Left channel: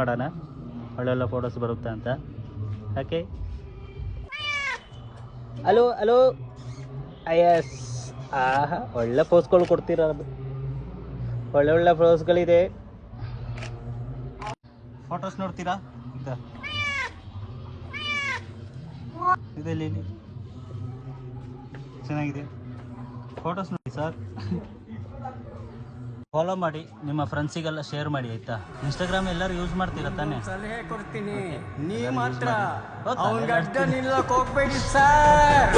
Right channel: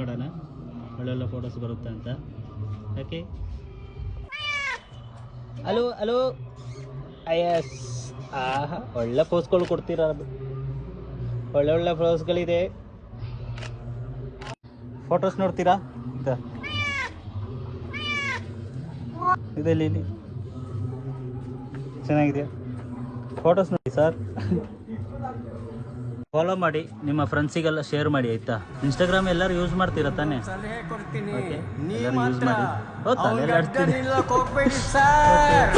ಮಾಡೋಣ ಒಳ್ಳೆಲ್ಲ ಫೋಟೋಸ್ ಬರುತ್ತೆ ಅಂತ. Okay, hello hello. ಎಸ್, ಒಳ್ಳೆ ಪೋಸ್ಗಳು ಕೊಡ್ತೀರಾ, ಒಳ್ಳೆ ಒಳ್ಳೆ ಪೋಸ್ಗಳಿದೆ. ಫೋಟೋಸ್ ನೋಡ್ತೀರಾ? ಇದೆಲ್ಲಿ ಇಲ್ಲಿ ಚೆನ್ನಾಗಿದೆ, ಫೋಟೋಸ್ ನೋಡಿ ಸರ್. ಫಾಲೋ ಮಾಡಿ, ನಿಮ್ಮ ಫ್ರೆಂಡ್ಸಿಗೆಲ್ಲ ಶೇರ್ ಮಾಡಿ ಆಯ್ತಾ. ಇನ್ಸ್ಟಾಗ್ರಾಮ್ ಎಲ್ಲರೂ ಯೂಸ್ ಮಾಡ್ತೀರಾ ತಾನೆ? ಸಲಹೆ ಕೊಡ್ತೀನಿ, ನೀವು ಮಾತ್ರ ಅವ್ನಿಗೆ ಅಡ್ಡ ನಿಲ್ಲಕ್ಕೆ ಹೋಗ್ಬೇಡಿ ಸರ್.